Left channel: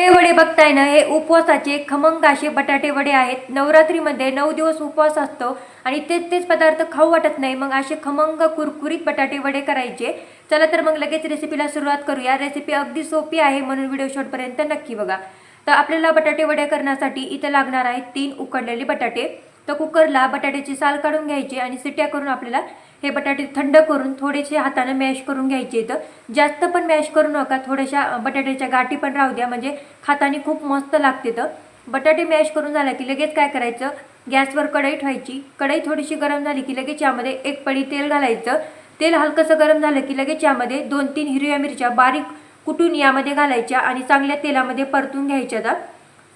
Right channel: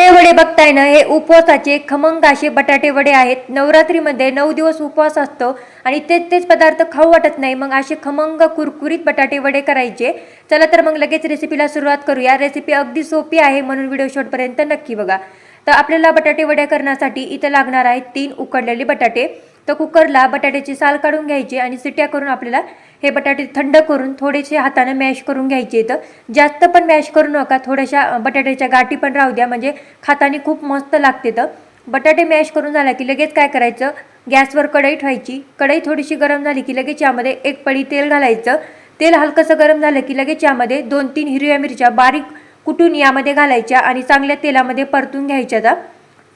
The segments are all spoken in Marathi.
हे वडे बघताय ना हे उपवासाचे खमंग असे बटाटे वडे आहेत. नवरात्रीमध्ये नऊ दिवस उपवास असतो आणि तेच तेच पदार्थ खाऊ वाटत नाही. मग असे खमंग कुरकुरीत बटाटे वडे करायचे. चला तर मग लगेच रेसिपीला सुरुवात करूया. रेसिपी अगदी सोपी आहे म्हणून व्हिडिओ शेवटपर्यंत नक्की बघा. तर आपल्याला बटाटे वडे करण्यासाठी इथं लागणार आहेत तीन उकडलेले बटाटे. तर कुकरला बटाट्याची साल काढून घ्यायची आणि सिट्या करून आपल्याला हे बटाटे थंड करून थोडेसे हाताने मॅश करून घ्यायचे तर जास्त पण मॅश करू नका थोड्याशा बटाट्याच्या गाठी पण राहू द्या म्हणजे खाताने खूप मस्त लागते तर बटाटे मॅश करून झाला की लगेच काय करायचं? गॅसवर कढई ठेवायची. कढई थोडीशी गरम झाली की लगेच यामध्ये एक पडी तेल घालायचं. तेल हलकंसं गरम झालं की लगेच यामध्ये दोन तीन हिरव्या मिरच्या बारीक कुटून यामध्ये घालायच्या आणि चांगल्या तेलामध्ये परतून घ्यायच्या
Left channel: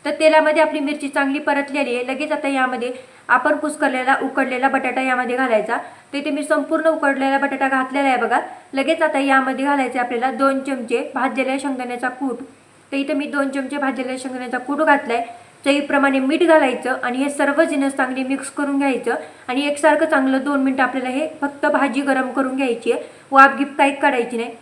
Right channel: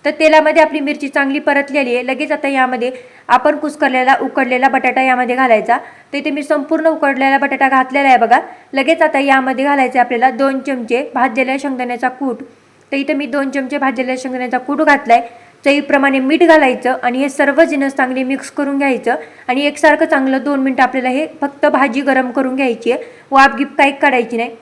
तर तेलामध्ये आपली मिरची चांगली परतलेली आहे. लगेच आता यामध्ये आपण कुसकरलेला उकडलेला बटाटा यामध्ये घालायचा. तर इथे मी संपूर्ण उकडलेला बटाटा घातलेला आहे बघा. लगेच आता यामध्ये घालायचे आपल्याला दोन चमचे भाजलेल्या शेंगदाण्याचा कूट. तर इथे मी दोन चमचे भाजलेल्या शेंगदाण्याचा कूट घातलाय. चवीप्रमाणे मीठ घालायचं आणि हे सर्व जिनस चांगले मिक्स करून घ्यायचं. आणि एकसारखं चांगलं दोन मिनटं आपल्याला हे फक्त भाजी गरम करून घ्यायची आहे. वाप गिप काही काढायची नाही.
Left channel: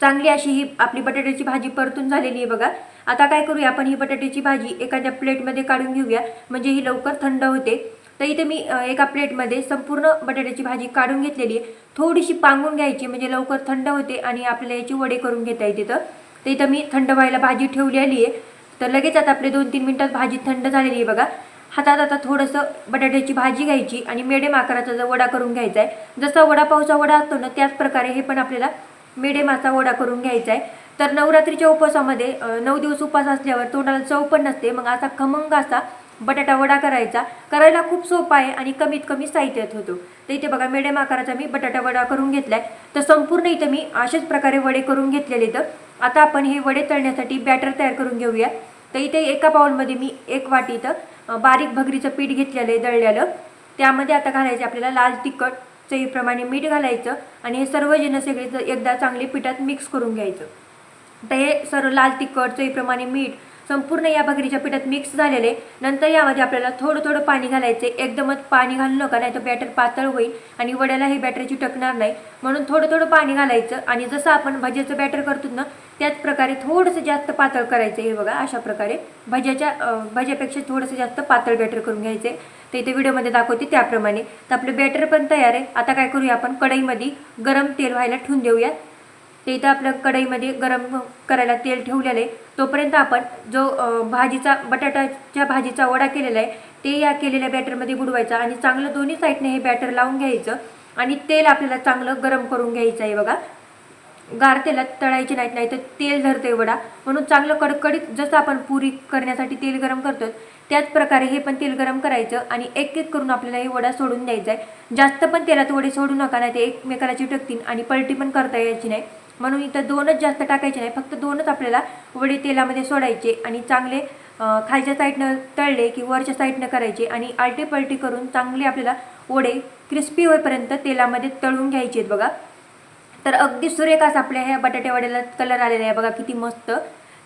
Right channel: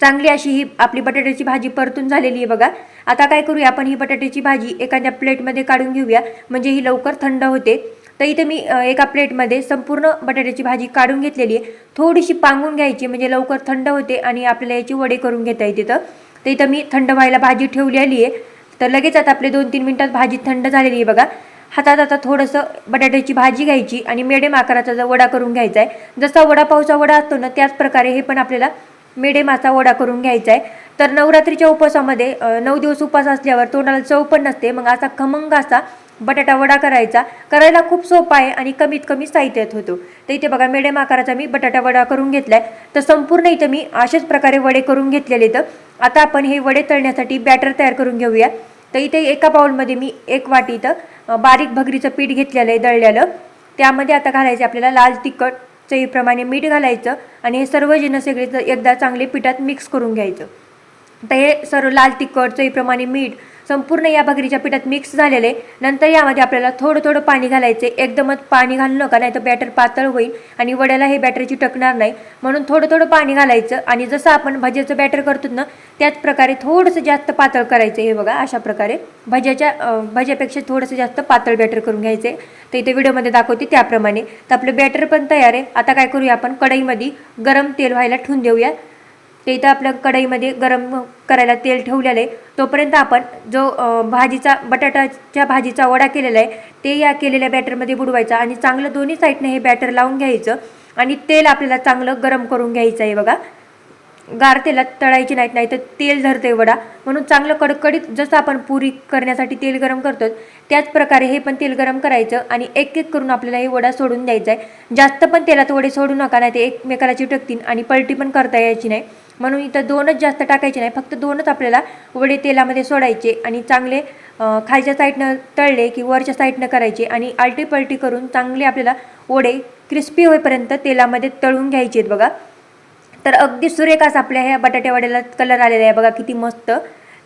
चांगली अशी ही आपली बटाट्याची भाजी परतून झालेली आहे बघा. आता काय करूया आपण ही बटाट्याची भाजी एखाद्या प्लेटमध्ये काढून घेऊया. म्हणजे ही लवकर थंड होते. तर इथे मी एका प्लेटमध्ये संपूर्ण बटाट्याची भाजी काढून घेतलेली आहे. थोडीशी पांगून घ्यायची म्हणजे लवकर थंड होते आणि आपल्याला याची वडे करून घेता येते तर. तर इथं मी थंड व्हायला भाजी ठेवलेली आहे. तर लगेच आता आपले दोन तीन मिनटात भाजी थंड झालेली आहे बघा. हातात आता थोडंसं बटाट्याची भाजी घ्यायची आणि मेडम आकाराचा जो वडा करून घ्यायचा आहे. जसा वडापावचा वडा असतो ना त्याच प्रकारे हे पण आपल्याला मिडेमाचा वडा करून घ्यायचा आहे तर नवरात्रीच्या उपवासामध्ये नऊ दिवस उपवास असल्यावर तोंडाला चव पण नसते. मग असा खमंग असा बटाटा वडा करायचा. करायला खूप सोपा आहे आणि कमीत कमी साहित्यात होतो. तर इथे बघा मिडियम आकाराचा मी बटाटा वडा करून घेतलाय. तर संपूर्ण इथं मी अशाच प्रकारे वडे करून घेतलेले तर आता आपण हे वडे तळण्यासाठी बॅटर तयार करून घेऊया. तर इथे एका बाउलमध्ये मी एक वाटी इथं बारीक भगरीचं पीठ घेतलेलं आहे दळलेलं. त्यामध्ये आता घालायचे आपल्याला लाल तिखट चवीप्रमाणे मीठ घालायचं आणि हे सर्व जिनस सगळे एकदा चांगले पिठात मिक्स करून घ्यायचं. तर हे सर्व लाल तिखट चवीप्रमाणे मीठ संपूर्ण या भाकरीच्या पिठात मिक्स झालेले नंतर यामध्ये आपल्याला थोडं थोडं पाणी घालायचे एकदमच पाणी घालू नका नाही तर बॅटर पातळ होईल आणि वड्याला हे बॅटरची टकणार नाही. म्हणून थोडं थोडं पाणी घालायचं आणि जसं आपण भज्याचं बॅटर करतो ना त्याच प्रकारे थोडंसं जास्त पातळ करायचं हे बघा अशा प्रकारे भज्याच्या भज्यापेक्षा थोडंसं जास्त पातळ बॅटर करून घ्यायचे तर इथे व्हिडिओमध्ये दाखवते त्याप्रमाणे. तर आपलं बॅटर पण तयार आहे. आता काय करूया आपण कढईमध्ये गरम तेल व्हायला ठेवून देऊया. ते इथं आपल्या कढईमध्ये गरम करायला तेल ठेवलेलं आहे. तोपर्यंत आपण जो भाजीचा बटाट्याच्या भाजीचा वडा केलेला आहे ते या केलेल्या बॅटरमध्ये बुडवायचा आणि चांगलं दोन्ही साईडने हे बॅटर लावून घ्यायचं आणि तेल आपल्याला चांगलं गरम करून घ्यायचं आहे बघा. गार तेलात तळायची नाहीत नाही तर तेल धरते वडा. म्हणून चांगलं कडकडीत जसं आपण पुरी करण्यासाठी तेल गरम करतो त्याच प्रकारे हे पण तेल गरम करायचं आणि एक एक करून आपल्याला हे वडा सोडून द्यायचा आहे. जास्त पण तेलात वडे सोडू नका नाही ते एकमेकाला चिटकतील आणि पलटी पण करता यायची नाही. म्हणून इथं दोनच जास्त टाकायचे नाही. फक्त दोनच आपल्याला वडे तेलामध्ये सोडायचे आणि चांगले खालच्या साईडनं तळले की वरच्या साईडनं करायचे आणि आलटीपलटी करून चांगले आपल्याला वडे क्रिस्पी होईपर्यंत तेलामध्ये तळून घ्यायचे आहेत बघा. तर अगदी सुरेख आपल्या ह्या बटाटे वड्याला कलर आलेला आहे बघा किती मस्त.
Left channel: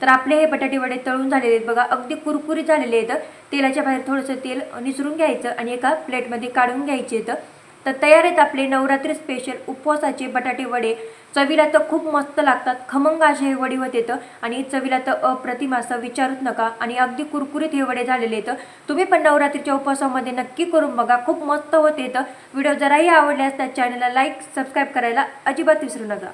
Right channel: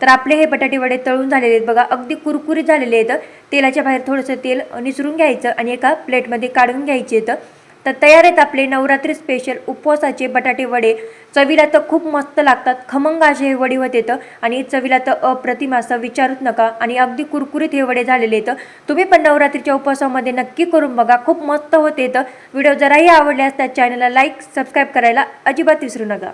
तर आपले हे बटाटे वडे तळून झालेले आहेत बघा अगदी कुरकुरीत झालेले आहेत. तेलाच्या बाहेर थोडंसं तेल निसरून घ्यायचं आणि एका प्लेटमध्ये काढून घ्यायचे आहेत. तर तयार आहेत आपले नवरात्री स्पेशल उपवासाचे बटाटे वडे. चवीला तर खूप मस्त लागतात. खमंग असे हे वडे होते तर आणि चवीला तर अप्रतिम असं विचारूच नका. आणि अगदी कुरकुरीत हे वडे झालेले आहेत तुम्ही पण नवरात्रीच्या उपवासामध्ये नक्की करून बघा. खूप मस्त होते येतं. व्हिडिओ जराही आवडल्यास त्या चॅनलला लाईक सबस्क्राईब करायला अजिबात विसरू नका.